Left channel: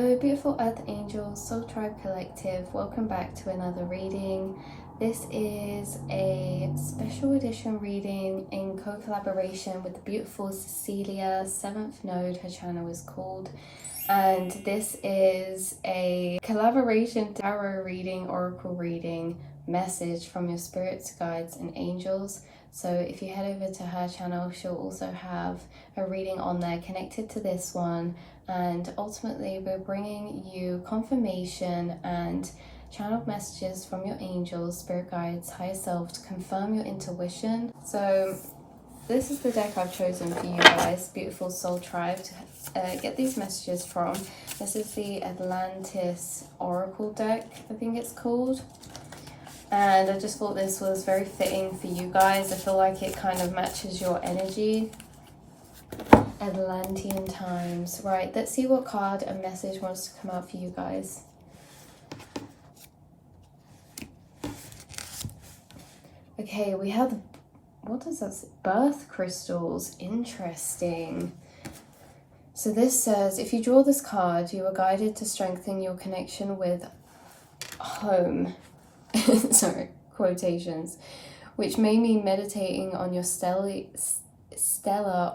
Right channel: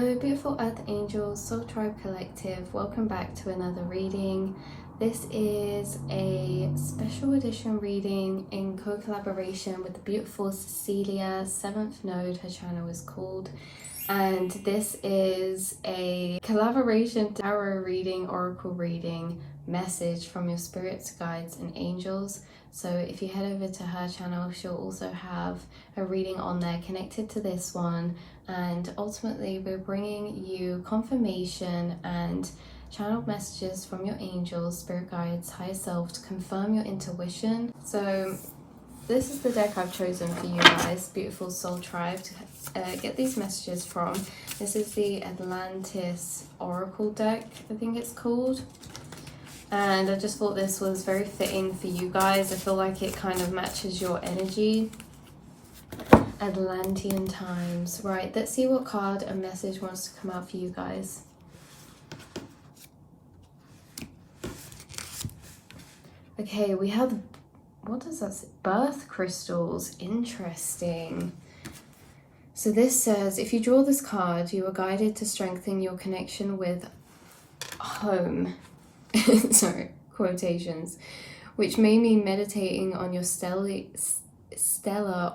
Hello beautiful earth angels, soul tribe collective, welcome back to another reading. This is a special edition reading in co-collaboration with the beautiful Cecilia, 7th node, her channel is called, and this is a collaboration tarot reading, oracle reading, message from your spirits, guides and angels. So if you head over to her channel, she'll also have a reading on there connected to this one, and ultimately we're bringing you confirmation and channeled messages from your angels, spirit guides, higher self to confirm your intuition. So this is the deck I've chosen for you guys, beautiful soul tribe, to get these messages from. This is the Atlantis Oracle deck, I think it's called. And I just thought this was very fitting for you guys. I feel like it kind of matches your energy. Atlantean times. Right, let's see what card and message wants to come out for you guys. Okay, we have, what does that say? Birth crystals. Interesting. So this says, if you draw this card, you are guided to strengthen your connection with home. Sorry, quotations, which may mean meditating on your stellar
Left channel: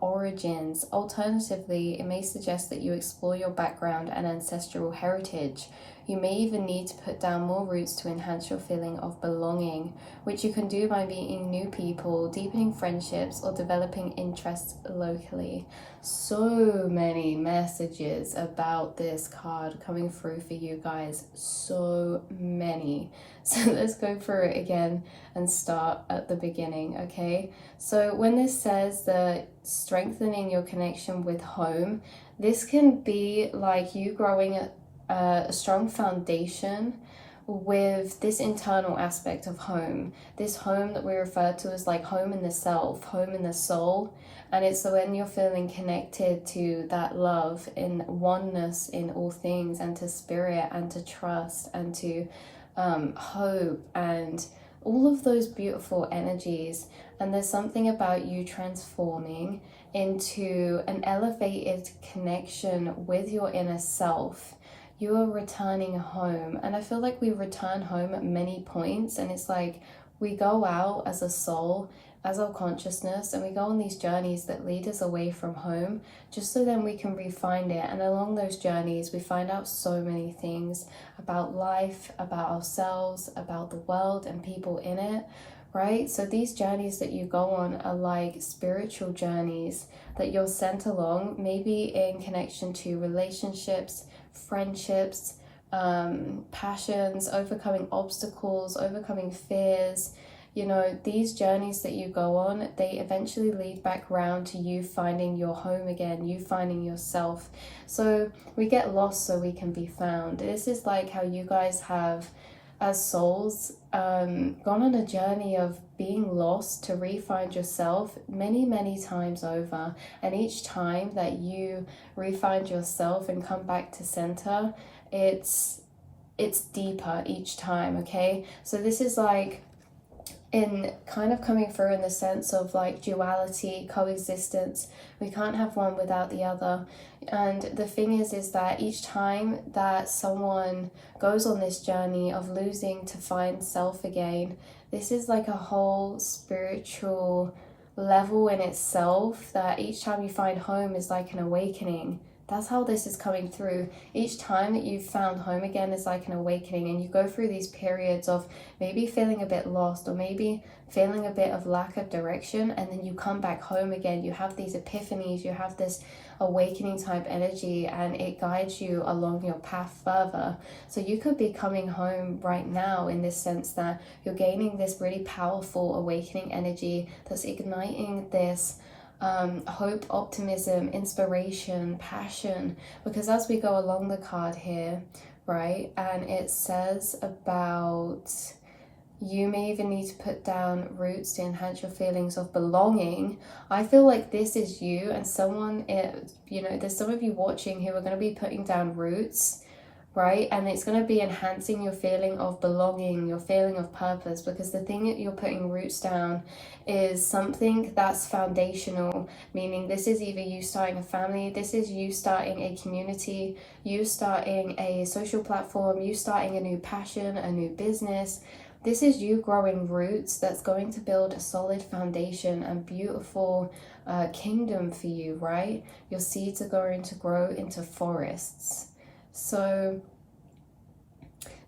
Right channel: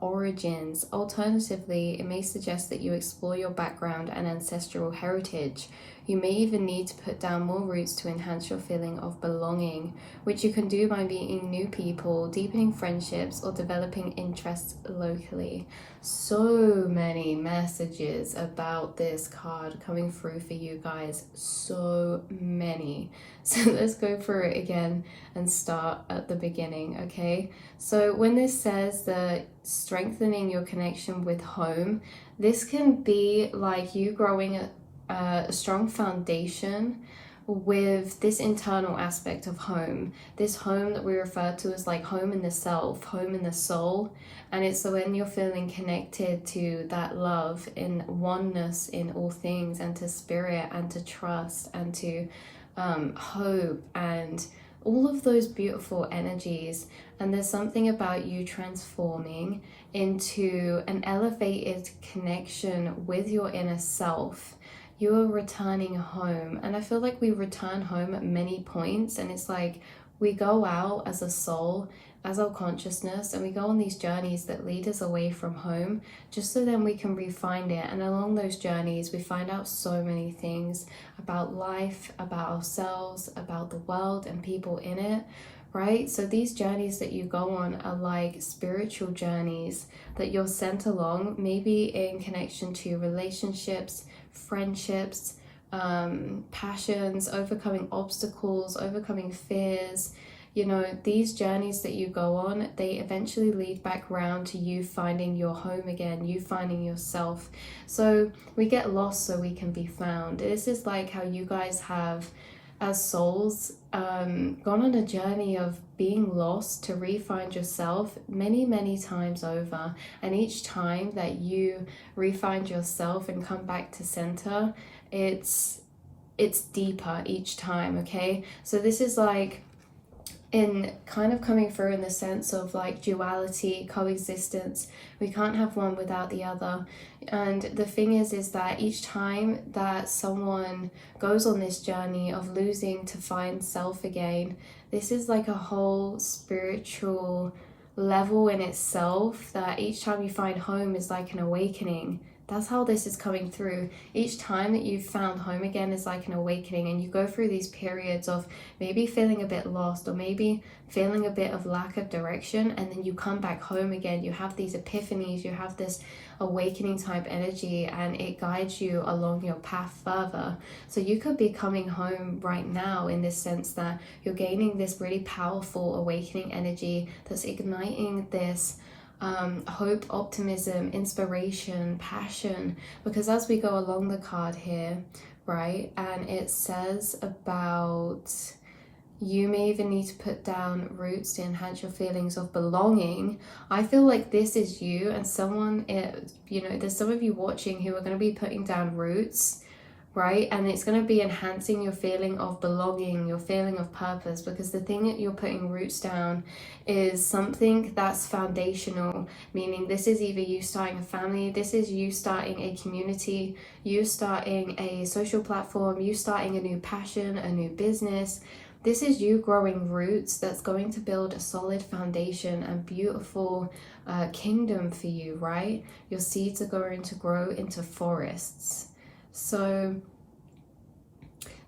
origins. Alternatively, it may suggest that you explore your background and ancestral heritage. You may even need to put down more roots to enhance your feeling of belonging, which you can do by meeting new people, deepening friendships, or developing interests locally. So many messages about this card coming through for you guys. So many. So let's go through it again and start at the beginning, okay? So when this says that strengthening your connection with home, this can be like you growing a strong foundation with this internal aspect of home, this home that we refer to as like home in the self, home in the soul. And it's when you're feeling connected to that love, in oneness in all things, and to spirit and to trust and to hope and all of those beautiful energies. And there's something about you transforming into an elevated connection with your inner self. You are returning home, and I feel like we return home at many points, and it's like we go out as a soul, as our consciousness, and we go on these journeys that lead us away from home, just so then we can refine it. And along those journeys we find out so many things about life, about ourselves, about the world and people in it, right? So these journeys that you go on are like spiritual journeys that you're sent along, maybe in connection to relationships, friendships, passions, overcoming obstacles, overcoming fears. You know, these journeys that you go on, they eventually lead back around to you finding your home again, you finding yourself. So we get lost so we can be found. This is like how you guys have, as souls, gone on a journey of being lost to re-find yourself many times over. And each time that you re-find yourself and come back to center, it's deeper each time, okay? So this is like in kind of coming through in the sense of like duality, coexistence. We can't have one without the other. And the thing is that each time that someone goes on this journey of losing to find self again, this is like a whole spiritual level in itself, that each time you find home is like an awakening. That's how this is coming through. Each time that you've found home again is like an awakening, and you go through these periods of maybe feeling a bit lost or maybe feeling a bit of lack of direction, and then you come back home again. You have these epiphanies, you have this awakening type energy, and it guides you along your path further. So you could be coming home right now in this sense that you're gaining this really powerful awakening energy that's igniting this hope, optimism, inspiration, passion. Because as we go along the card here, right, and it says about you may even need to put down roots to enhance your feelings of belonging. I feel like this is you, and someone, you know, there's some of you watching who are going to be putting down roots, right? And it's going to be enhancing your feeling of belonging, your feeling of purpose, because the thing that you're putting roots down is something that's foundational, meaning this is either you starting a family, this is you starting a community, you starting a social platform, you starting a new passion, a new business. This is you growing roots that's going to build a solid foundation and beautiful kingdom for you, right? Your seeds are going to grow into forests. So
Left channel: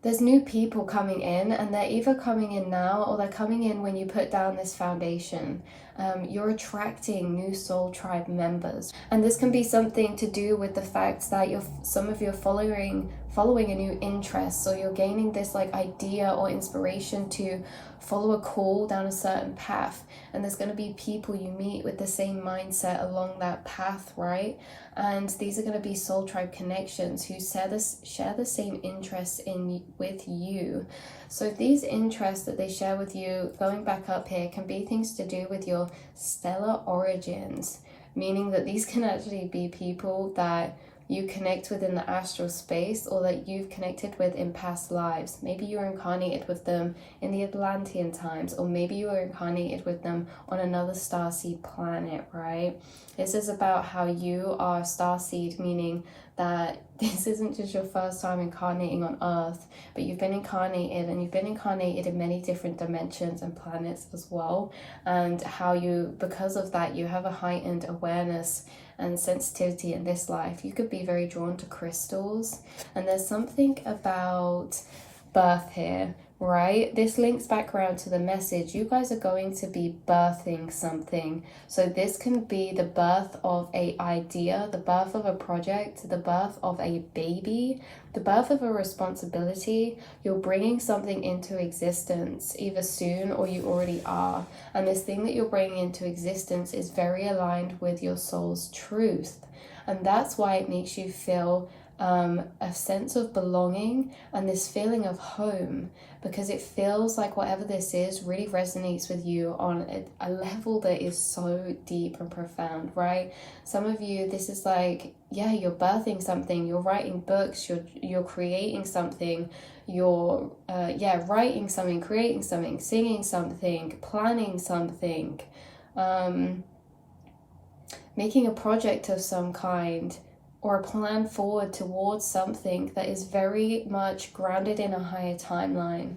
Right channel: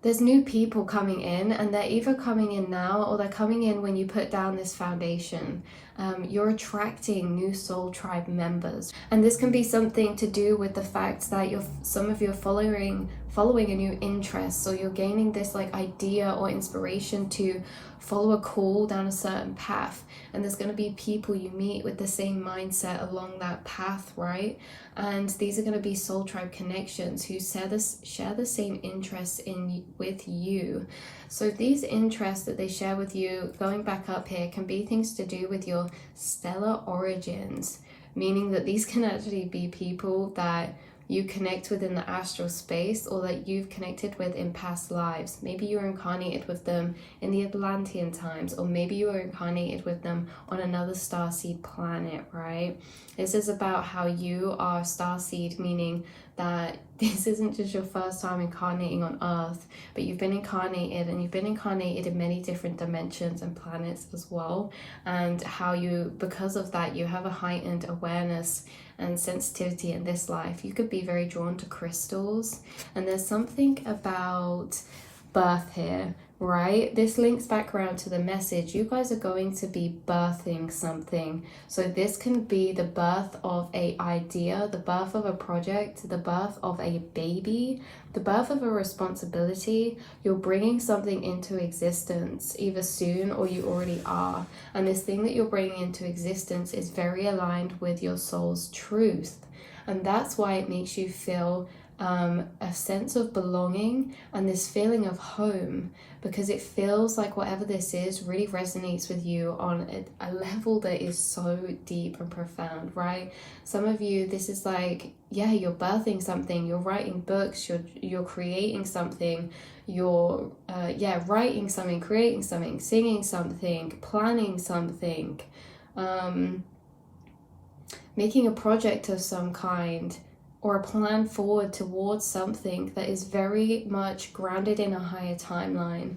there's new people coming in, and they're either coming in now or they're coming in when you put down this foundation. You're attracting new soul tribe members, and this can be something to do with the fact that some of you are following a new interest, so you're gaining this like idea or inspiration to follow a call down a certain path, and there's going to be people you meet with the same mindset along that path, right? And these are going to be soul tribe connections who share the same interests with you. So these interests that they share with you, going back up here, can be things to do with your stellar origins, meaning that these can actually be people that you connect with in the astral space, or that you've connected with in past lives. Maybe you were incarnated with them in the Atlantean times, or maybe you were incarnated with them on another starseed planet, right? This is about how you are starseed, meaning that this isn't just your first time incarnating on Earth, but you've been incarnated, and you've been incarnated in many different dimensions and planets as well, and how you, because of that, you have a heightened awareness and sensitivity in this life. You could be very drawn to crystals, and there's something about birth here, right? This links back around to the message. You guys are going to be birthing something. So this can be the birth of an idea, the birth of a project, the birth of a baby, the birth of a responsibility. You're bringing something into existence either soon or you already are. And this thing that you're bringing into existence is very aligned with your soul's truth. And that's why it makes you feel a sense of belonging and this feeling of home, because it feels like whatever this is really resonates with you on a level that is so deep and profound, right? Some of you, this is like, yeah, you're birthing something, you're writing books, you're creating something, you're writing something, creating something, singing something, planning something, making a project of some kind, or a plan forward towards something that is very much grounded in a higher timeline.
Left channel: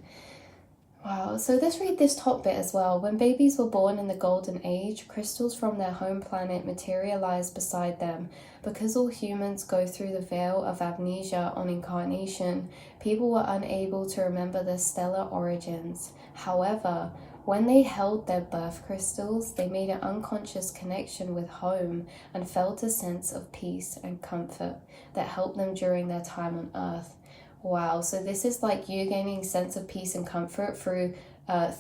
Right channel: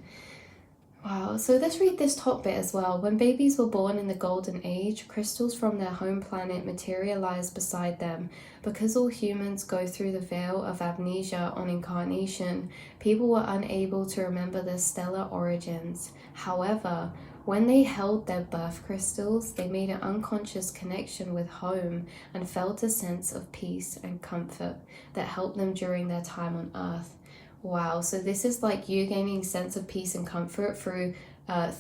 Wow, so let's read this top bit as well. When babies were born in the golden age, crystals from their home planet materialized beside them. Because all humans go through the veil of amnesia on incarnation, people were unable to remember their stellar origins. However, when they held their birth crystals, they made an unconscious connection with home and felt a sense of peace and comfort that helped them during their time on Earth. Wow, so this is like you gaining a sense of peace and comfort through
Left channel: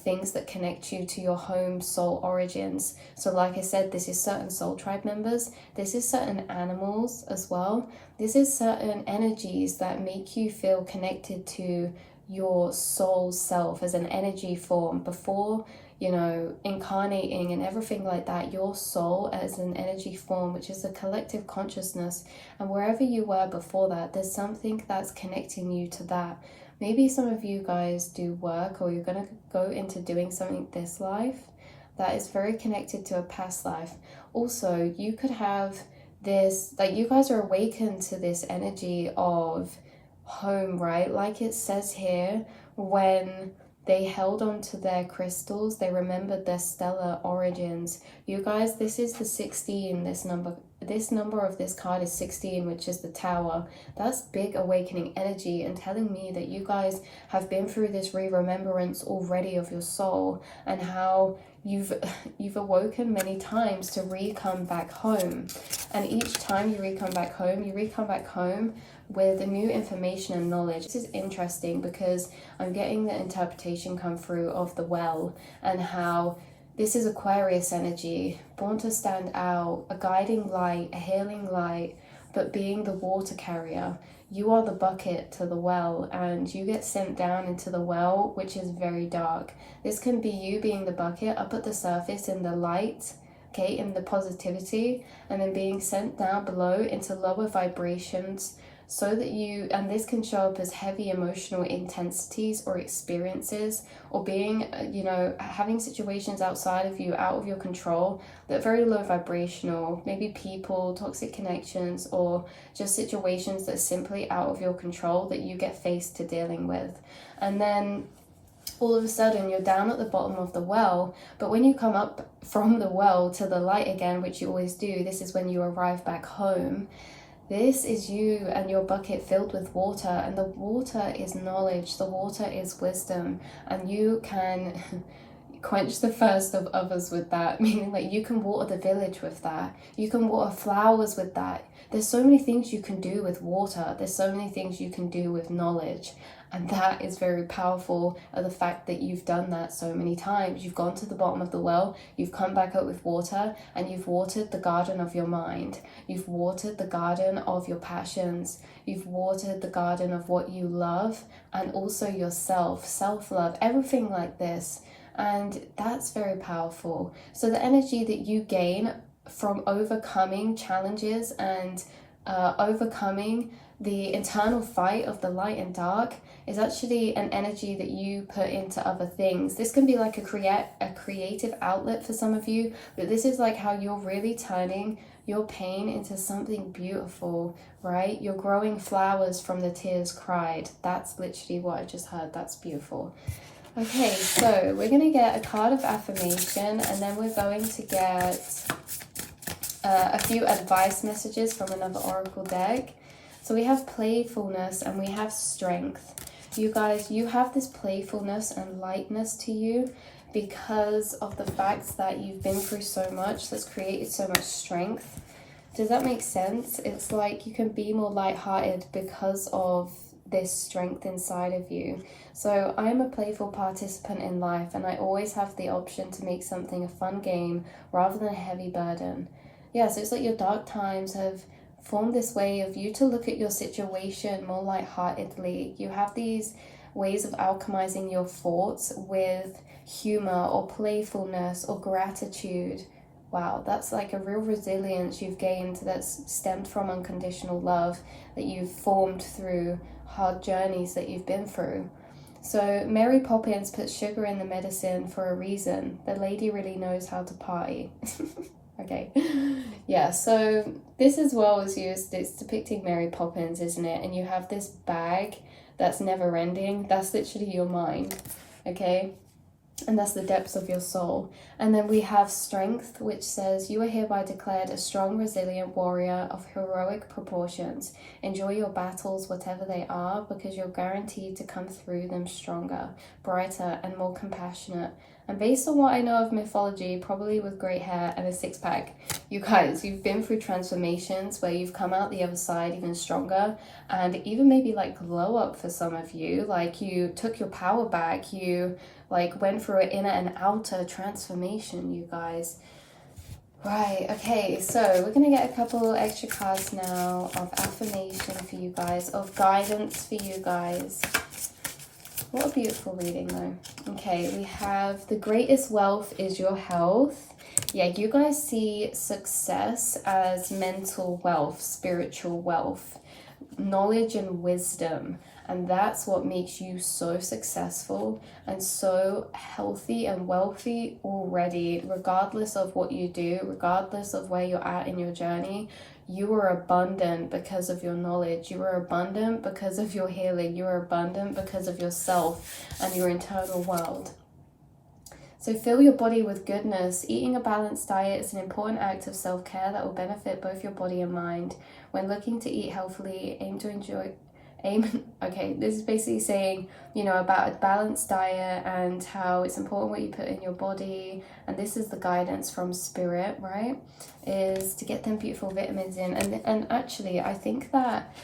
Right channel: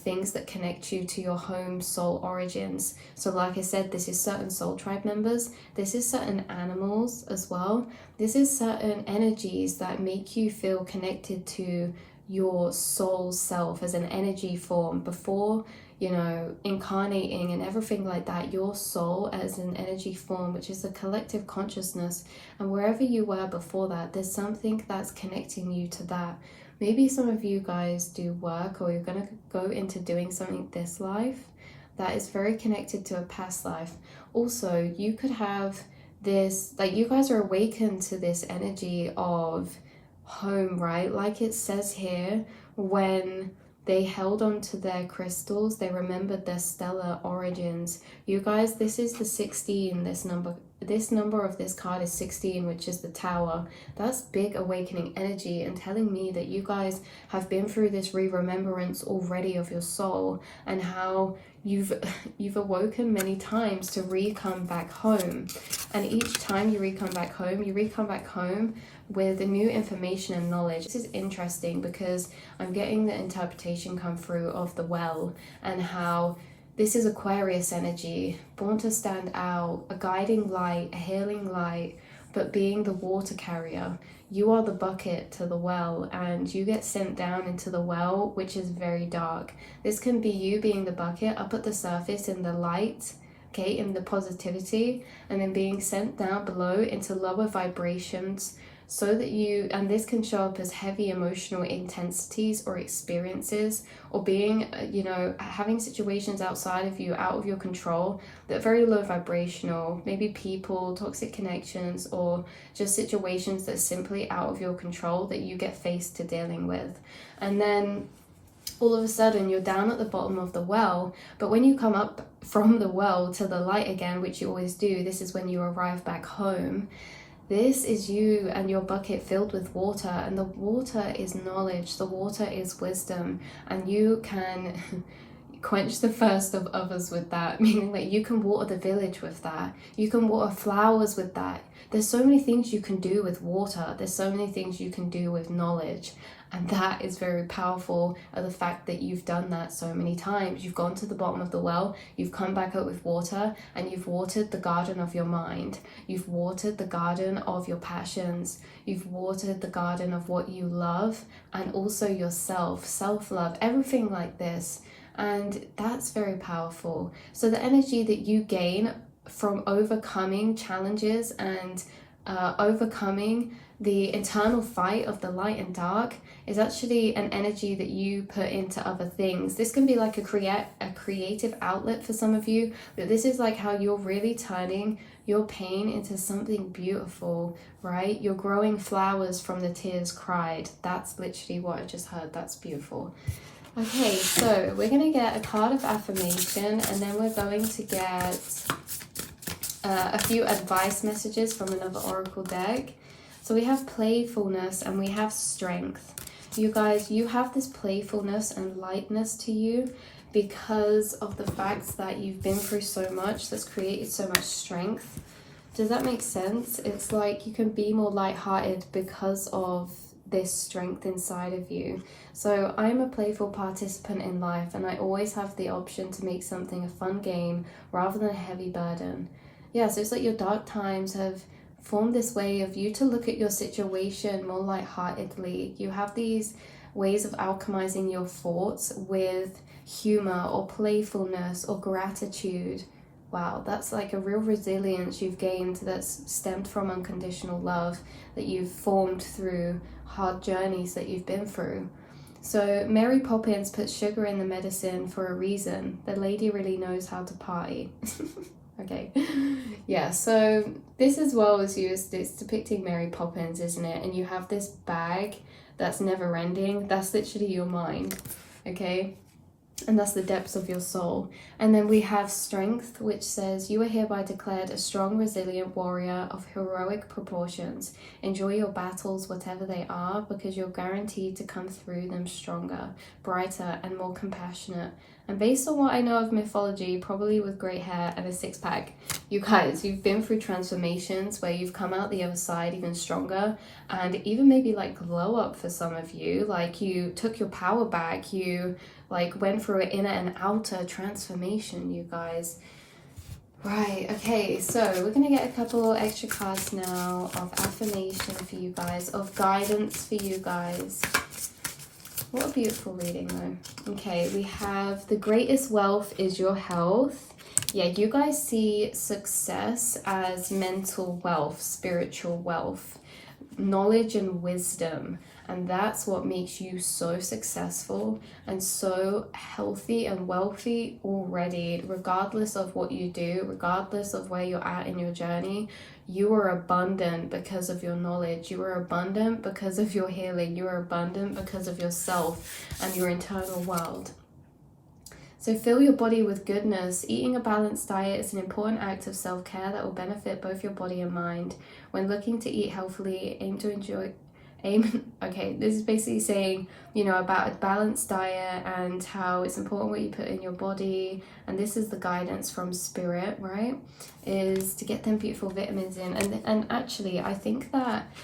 things that connect you to your home soul origins. So like I said, this is certain soul tribe members, this is certain animals as well, this is certain energies that make you feel connected to your soul self as an energy form. Before, you know, incarnating and everything like that, your soul as an energy form, which is a collective consciousness, and wherever you were before that, there's something that's connecting you to that. Maybe some of you guys do work, or you're going to go into doing something this life that is very connected to a past life. Also, you could have this, like, you guys are awakened to this energy of home, right? Like it says here, when they held on to their crystals, they remembered their stellar origins. You guys, this is the 16, this number of this card is 16, which is the Tower. That's big awakening energy, and telling me that you guys have been through this re-remembrance already of your soul, and how you've awoken many times to re-come back home. And each time you re-come back home with the new information and knowledge. This is interesting because I'm getting the interpretation come through of the well, and how this is Aquarius energy, born to stand out, a guiding light, a healing light, but being the water carrier. You are the bucket to the well, and you get sent down into the well, which is very dark. This can be you being the bucket up at the surface in the light, okay, in the positivity, and then being sent down below into lower vibrations so that you, and this can show up as heavy emotional intensities or experiences, or being, having situations outside of you, out of your control, that are very low vibrational, maybe people, toxic connections, or just situations that are simply out of your control that you get faced to dealing with. And then all of a sudden you're down at the bottom of the well, but when you come up from the well to the light again, which you always do, this is when you arrive back home. This is you and your bucket filled with water, and the water is knowledge, the water is wisdom, and you can quench the thirst of others with that, meaning that you can water the village with that, you can water flowers with that. There's so many things you can do with water, there's so many things you can do with knowledge. And that is very powerful, of the fact that you've done that so many times. You've gone to the bottom of the well, you've come back up with water, and you've watered the garden of your mind. You've watered the garden of your passions. You've watered the garden of what you love, and also yourself, self-love, everything like this. And that's very powerful. So the energy that you gain from overcoming challenges and overcoming the internal fight of the light and dark is actually an energy that you put into other things. This can be like a creative outlet for some of you, but this is like how you're really turning your pain into something beautiful, right? You're growing flowers from the tears cried. That's literally what I just heard. That's beautiful. Okay, so we're going to get a card of affirmation, and then we're going to get a few advice messages from another oracle deck. So we have playfulness and we have strength. You guys, you have this playfulness and lightness to you because of the fact that you've been through so much that's created so much strength. Does that make sense? It's like you can be more lighthearted because of this strength inside of you. So I'm a playful participant in life, and I always have the option to make something a fun game rather than a heavy burden. Yeah, so it's like your dark times have formed this way of you to look at your situation more lightheartedly. You have these ways of alchemizing your thoughts with humor or playfulness or gratitude. Wow, that's like a real resilience you've gained that's stemmed from unconditional love that you've formed through hard journeys that you've been through. So Mary Poppins puts sugar in the medicine for a reason. The lady really knows how to party. Okay, yeah, so this as well is used, it's depicting Mary Poppins, isn't it? And you have this bag that's never ending. That's literally your mind, okay? And that's the depths of your soul. And then we have strength, which says, you are hereby declared a strong, resilient warrior of heroic proportions. Enjoy your battles, whatever they are, because you're guaranteed to come through them stronger, brighter, and more compassionate. And based on what I know of mythology, probably with great hair and a six-pack. You guys, you've been through transformations where you've come out the other side even stronger, and even maybe like glow up for some of you. Like you took your power back, you like went through an inner and outer transformation, you guys. Right, okay, so we're gonna get a couple extra cards now of affirmation for you guys, of guidance for you guys. What a beautiful reading though. Okay, we have the greatest wealth is your health. Yeah, you guys see success as mental wealth, spiritual wealth, knowledge and wisdom. And that's what makes you so successful and so healthy and wealthy already, regardless of what you do, regardless of where you're at in your journey. You are abundant because of your knowledge. You are abundant because of your healing. You are abundant because of yourself and your internal world. So fill your body with goodness. Eating a balanced diet is an important act of self-care that will benefit both your body and mind. When looking to eat healthily, okay, this is basically saying, you know, about a balanced diet and how it's important what you put in your body. And this is the guidance from spirit, right? Is to get them beautiful vitamins in. And actually, I think that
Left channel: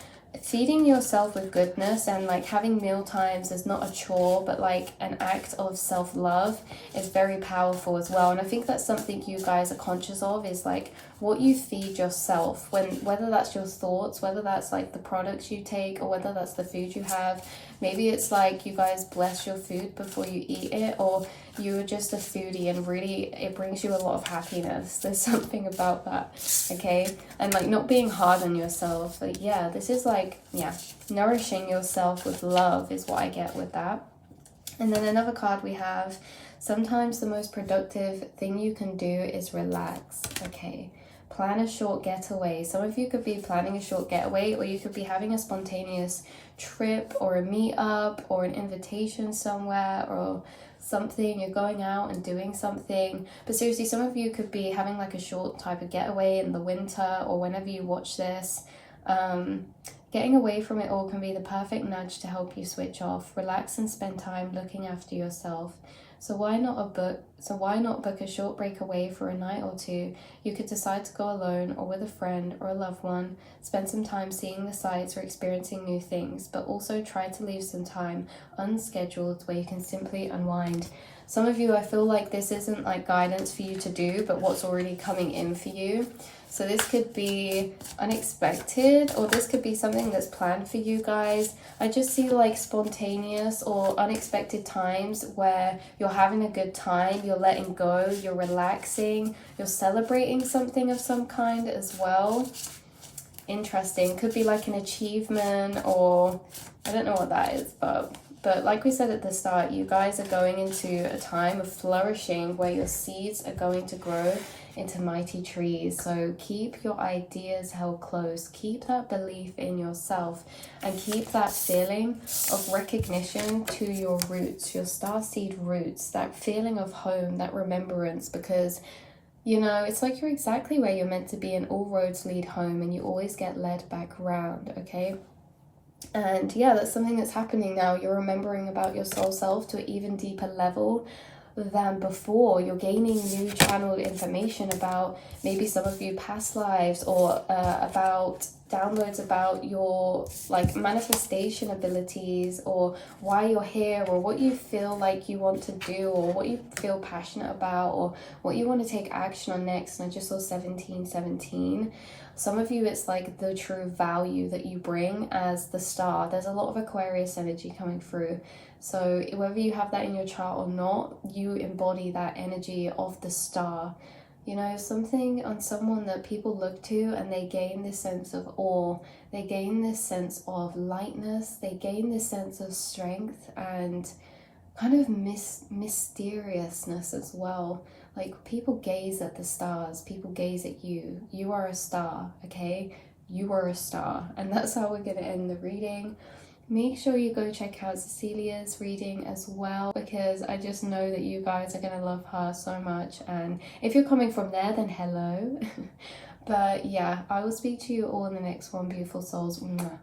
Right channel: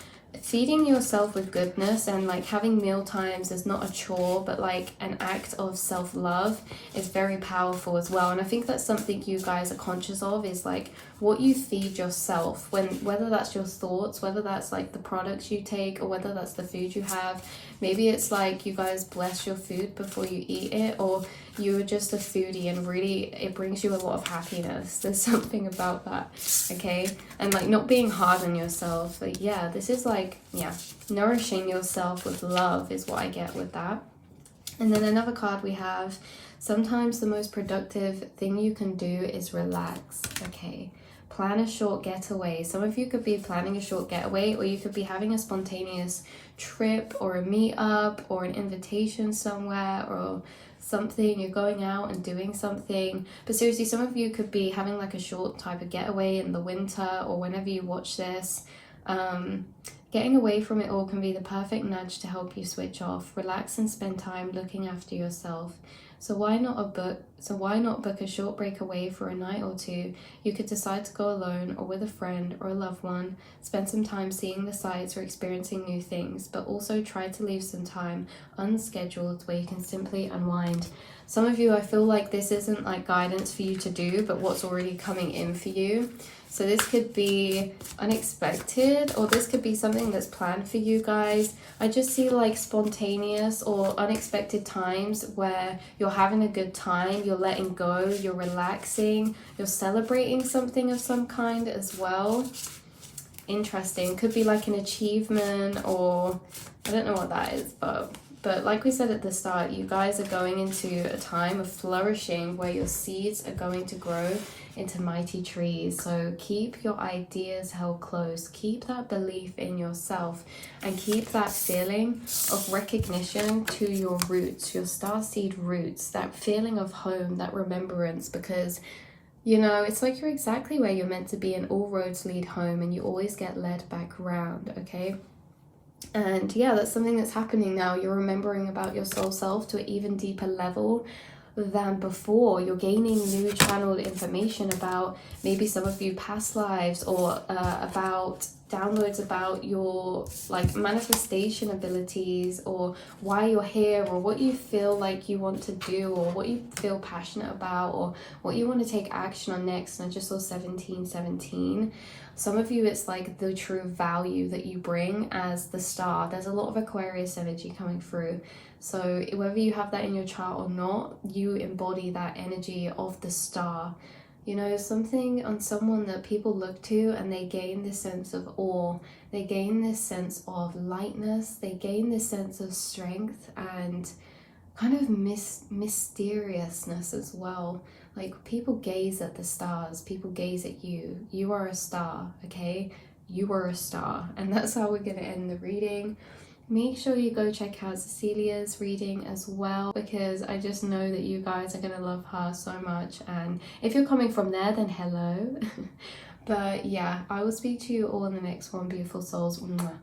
feeding yourself with goodness and like having meal times is not a chore, but like an act of self-love is very powerful as well. And I think that's something you guys are conscious of, is like what you feed yourself, whether that's your thoughts, whether that's like the products you take, or whether that's the food you have. Maybe it's like you guys bless your food before you eat it, or you're just a foodie, and really it brings you a lot of happiness. There's something about that, okay? And like not being hard on yourself. Like, yeah, this is like, yeah, nourishing yourself with love is what I get with that. And then another card we have, sometimes the most productive thing you can do is relax, okay? Plan a short getaway. Some of you could be planning a short getaway, or you could be having a spontaneous trip or a meetup or an invitation somewhere or something. You're going out and doing something. But seriously, some of you could be having like a short type of getaway in the winter or whenever you watch this. Getting away from it all can be the perfect nudge to help you switch off, relax and spend time looking after yourself. So why not book a short break away for a night or two? You could decide to go alone or with a friend or a loved one, spend some time seeing the sights or experiencing new things, but also try to leave some time unscheduled where you can simply unwind. Some of you, I feel like this isn't like guidance for you to do, but what's already coming in for you. So this could be unexpected, or this could be something that's planned for you guys. I just see like spontaneous or unexpected times where you're having a good time, you're letting go, you're relaxing, you're celebrating something of some kind as well. Interesting. Could be like an achievement, or I don't know what that is, but like we said at the start, you guys are going into a time of flourishing where your seeds are going to grow into mighty trees. So keep your ideas held close, keep that belief in yourself, and keep that feeling of recognition to your roots, your starseed roots, that feeling of home, that remembrance, because you know, it's like you're exactly where you're meant to be and all roads lead home, and you always get led back around, okay? And yeah, that's something that's happening now. You're remembering about your soul self to an even deeper level than before. You're gaining new channeled information about maybe some of you past lives, or about downloads about your like manifestation abilities, or why you're here, or what you feel like you want to do, or what you feel passionate about, or what you want to take action on next. And I just saw 1717. Some of you, it's like the true value that you bring as the star. There's a lot of Aquarius energy coming through. So whether you have that in your chart or not, you embody that energy of the star. You know, something on someone that people look to and they gain this sense of awe. They gain this sense of lightness. They gain this sense of strength and kind of mysteriousness as well. Like people gaze at the stars. People gaze at you. You are a star, okay? You are a star. And that's how we're going to end the reading. Make sure you go check out Cecilia's reading as well, because I just know that you guys are going to love her so much. And if you're coming from there, then hello. But yeah, I will speak to you all in the next one, beautiful souls. Mwah.